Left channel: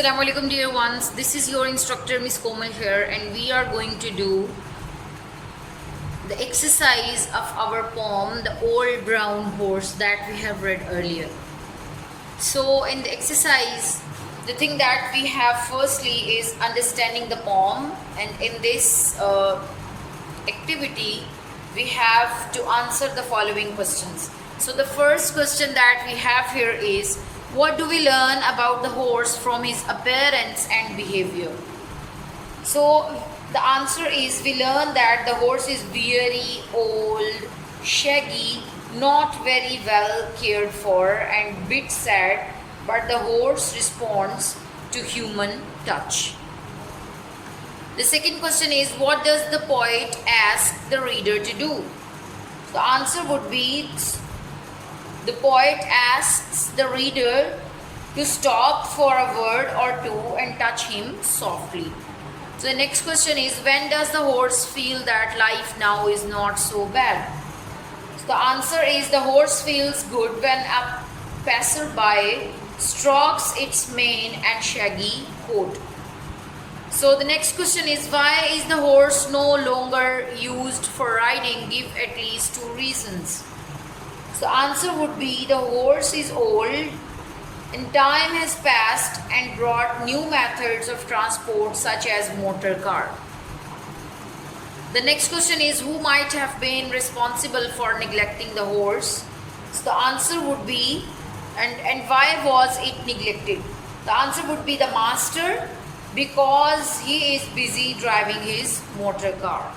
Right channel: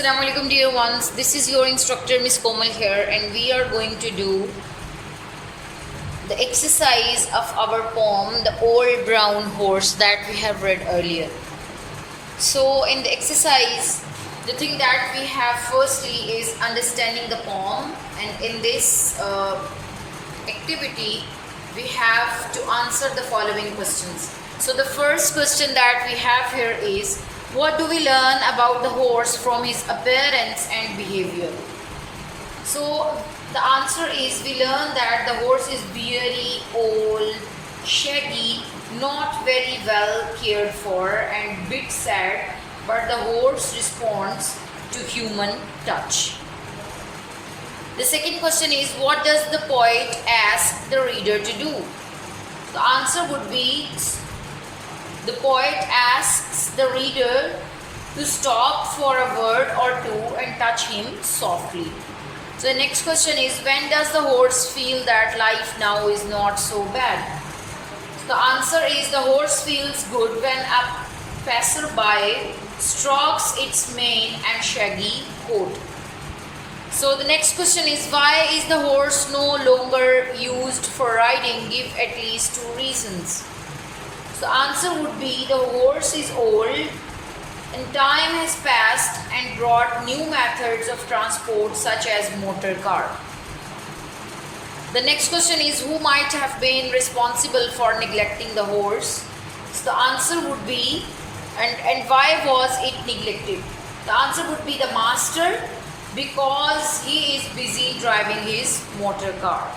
Assalamu alaikum dear ones, this is your instructor Miss Komal here, and we are going to do the exercise of our poem The Old Brown Horse that we have read earlier. So in the exercise, the thing that we have firstly is understanding the poem, and in this activity we have to answer the following questions. So the first question that we have here is, what do we learn about the horse from his appearance and behavior? So the answer is, we learn that the horse is very old, shaggy, not very well cared for, and bit sad, but the horse responds to human touch. The second question is, what does the poet ask the reader to do? The answer would be, the poet asks the reader to stop for a word or two and touch him softly. So the next question is, when does the horse feel that life now is not so bad? So the answer is, the horse feels good when a passerby strokes its mane and shaggy coat. So the next question is, why is the horse no longer used for riding? Give at least two reasons. So the answer would be, the horse is old and time has passed and brought new methods of transport such as motor car. The next question is, who might have been responsible for neglecting the horse? So the answer would be, and why was it neglected? The answer would be the master, because he is busy driving his motor car.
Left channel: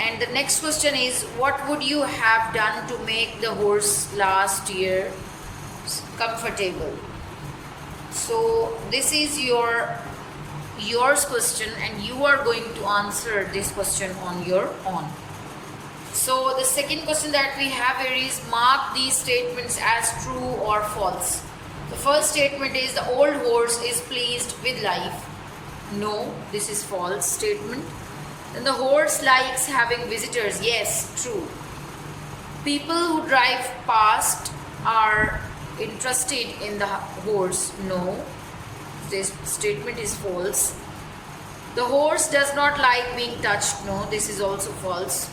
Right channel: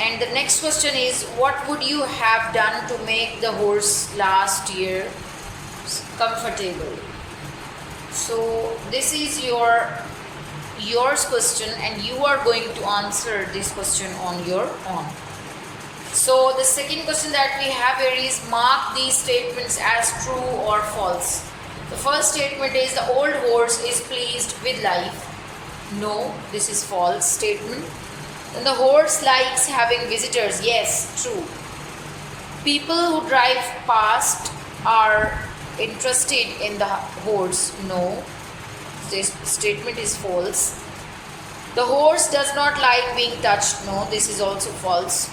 And the next question is, what would you have done to make the horse last year comfortable? So this is yours question, and you are going to answer this question on your own. So the second question that we have here is, mark these statements as true or false. The first statement is, the old horse is pleased with life. No, this is false statement. Then the horse likes having visitors. Yes, true. People who drive past are interested in the horse. No, this statement is false. The horse does not like being touched. No, this is also false.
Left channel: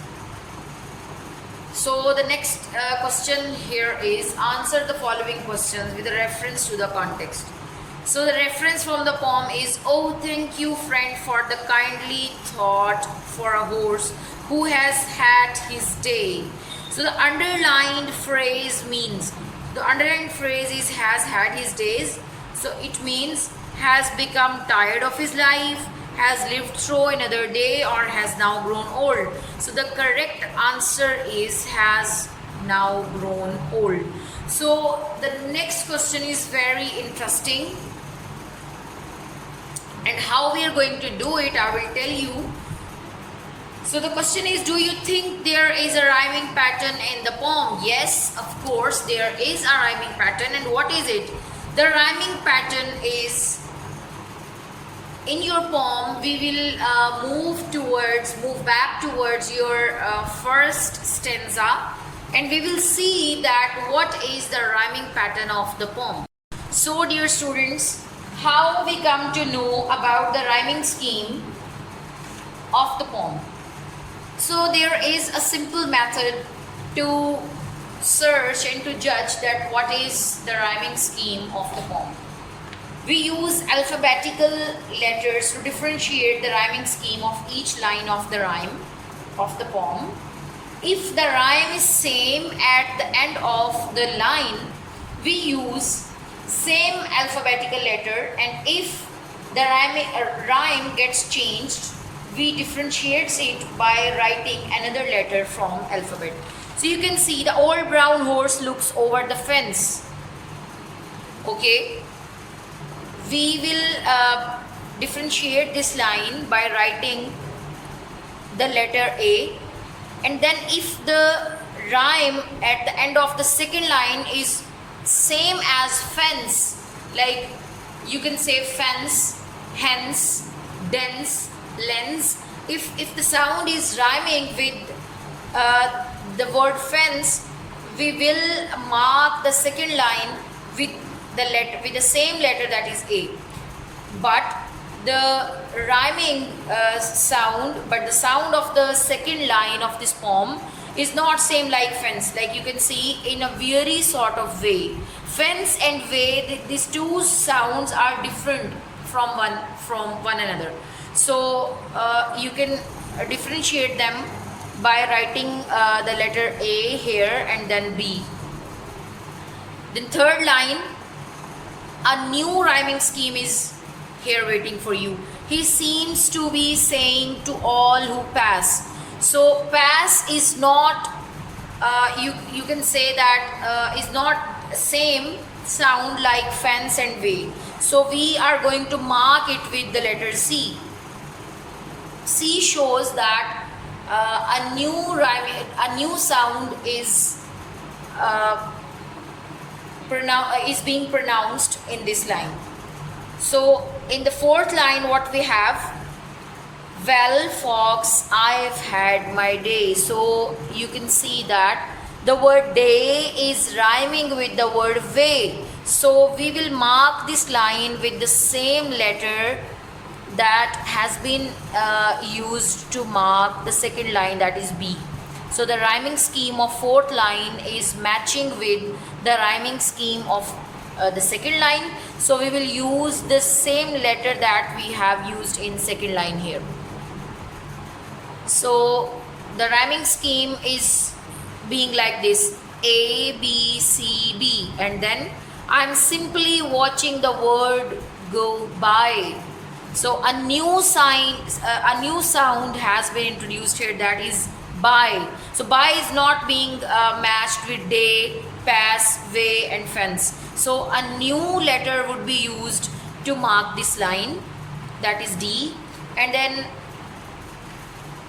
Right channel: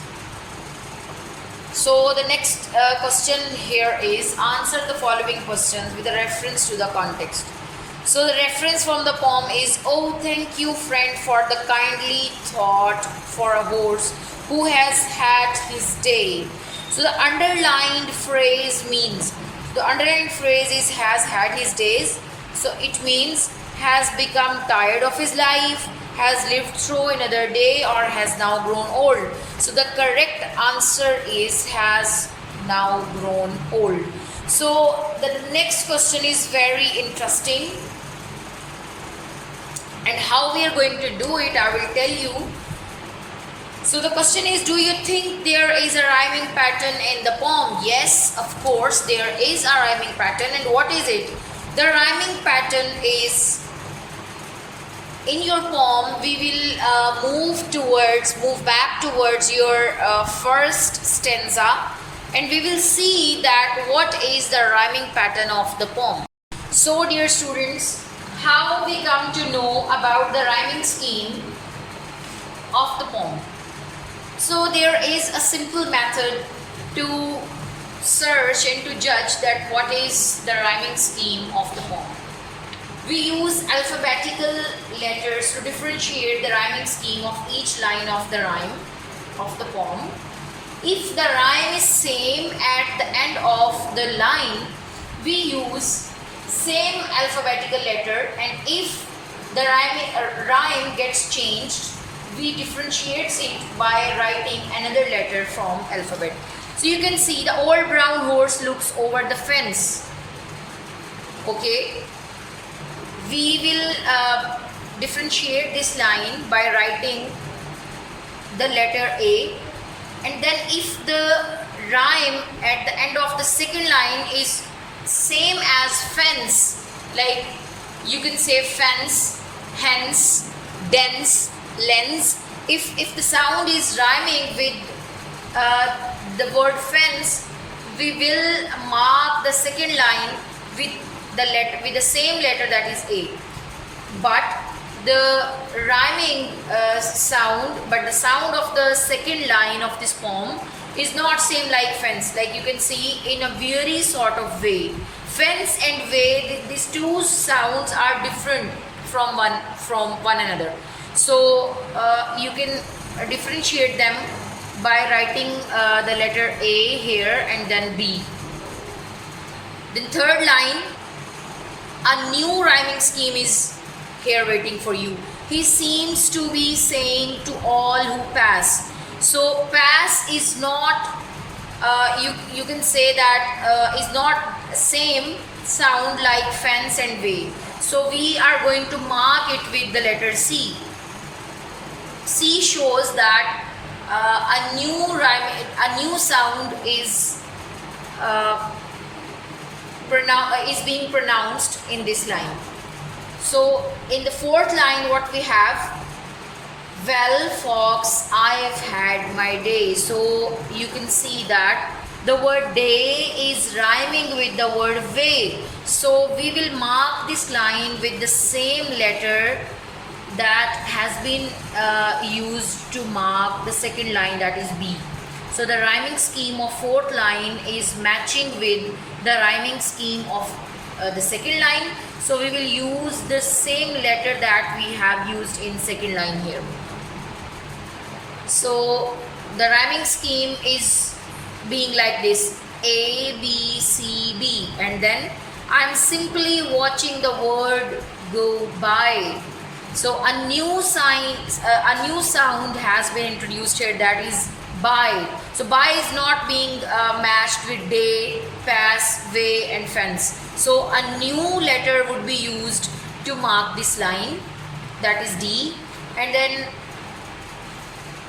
So the next question here is, answer the following questions with a reference to the context. So the reference from the poem is, oh, thank you friend for the kindly thought for a horse who has had his day. So the underlined phrase means, the underlined phrase is has had his days. So it means has become tired of his life, has lived through another day, or has now grown old. So the correct answer is has now grown old. So the next question is very interesting, and how we are going to do it, I will tell you. So the question is, do you think there is a rhyming pattern in the poem? Yes, of course there is a rhyming pattern. And what is it? The rhyming pattern is, in your poem we will move back towards your first stanza, and we will see that what is the rhyming pattern of the poem. So dear students, how we come to know about the rhyming scheme of the poem? So there is a simple method to search and to judge that what is the rhyming scheme of the poem. We use alphabetical letters to differentiate the rhyming scheme of each line of the rhyme of the poem. If the rhyme is same at the end of the line, we use same alphabetical letter, and if the rhyme gets changed, we differentiate it by writing another letter from alphabet. So you can see, the old brown horse looks over the fence. Okay, we will differentiate this line by writing the letter A, and then if the rhyme at the end of the second line is same as fence, like you can say fence, hence, dense, lens. If the sound is rhyming with the word fence, we will mark the second line with the letter with the same letter, that is A. But the rhyming sound, but the sound of the second line of this poem is not same like fence. Like you can see in a very sort of way. Fence and way, these two sounds are different from one another. So you can differentiate them by writing the letter A here and then B. Then third line, a new rhyming scheme is here waiting for you. He seems to be saying to all who pass. So pass is not, you can say that is not same sound like fence and way. So we are going to mark it with the letter C. C shows that a new sound is being pronounced in this line. So in the fourth line, what we have, well fox, I've had my day. So you can see that the word day is rhyming with the word way. So we will mark this line with the same letter that has been used to mark the second line, that is B. So the rhyming scheme of fourth line is matching with the rhyming scheme of the second line. So we will use the same letter that we have used in second line here. So the rhyming scheme is being like this: A, B, C, B, and then I'm simply watching the word go by. So a new sound has been introduced here, that is by. So by is not being matched with day, pass, way and fence. So a new letter would be used to mark this line, that is D. And then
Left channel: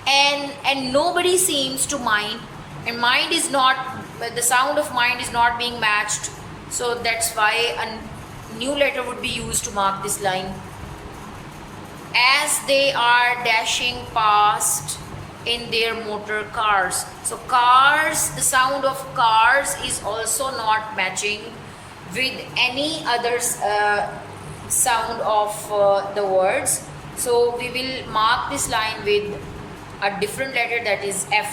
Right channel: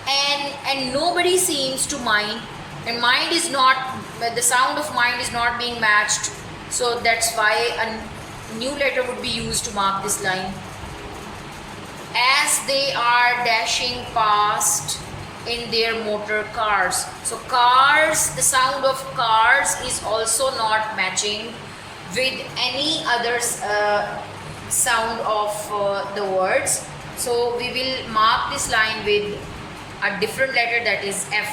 and nobody seems to mind, and mind is not, the sound of mind is not being matched. So that's why a new letter would be used to mark this line. As they are dashing past in their motor cars. So cars, the sound of cars is also not matching with any other sound of the words. So we will mark this line with a different letter, that is F.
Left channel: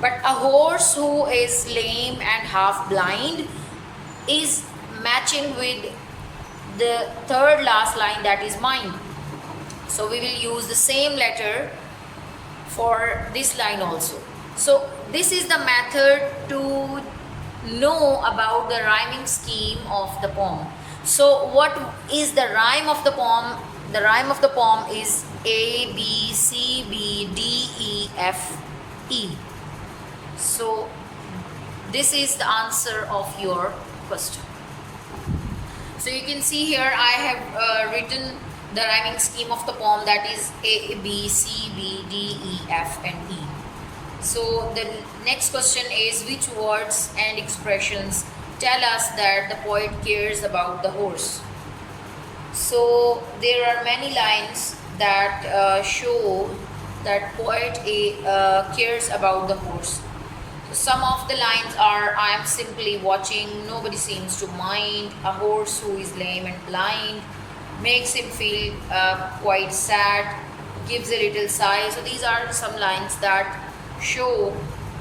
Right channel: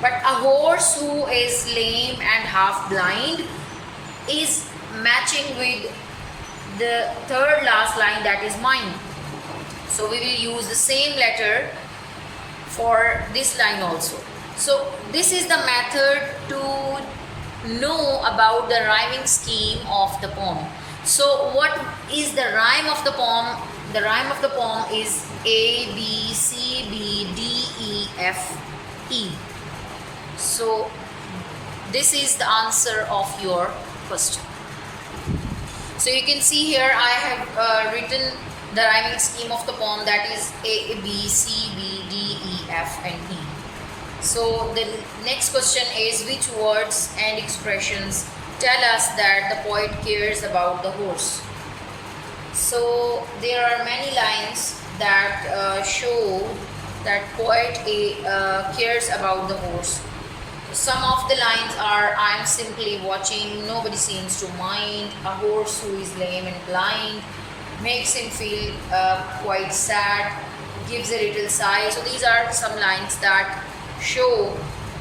But a horse who is lame and half blind is matching with the third last line, that is mind. So we will use the same letter for this line also. So this is the method to know about the rhyming scheme of the poem. So what is the rhyme of the poem? The rhyme of the poem is A, B, C, B, D, E, F, E. So this is the answer of your question. So you can see here I have written the rhyming scheme of the poem, that is A, B, C, B, D, E, F and E. So the next question is, which words and expressions tell us that the poet cares about the horse? So there are many lines that show that poet cares about the horse. Some of the lines are, I am simply watching, nobody seems to mind, a horse who is lame and blind, makes him feel quite sad, gives a little sigh. So these are some lines that show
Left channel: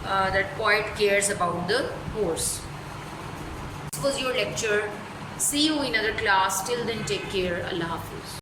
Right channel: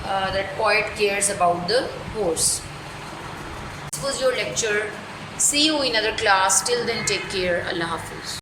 that poet cares about the horse. This was your lecture. See you in other class. Till then, take care. Allah Hafiz.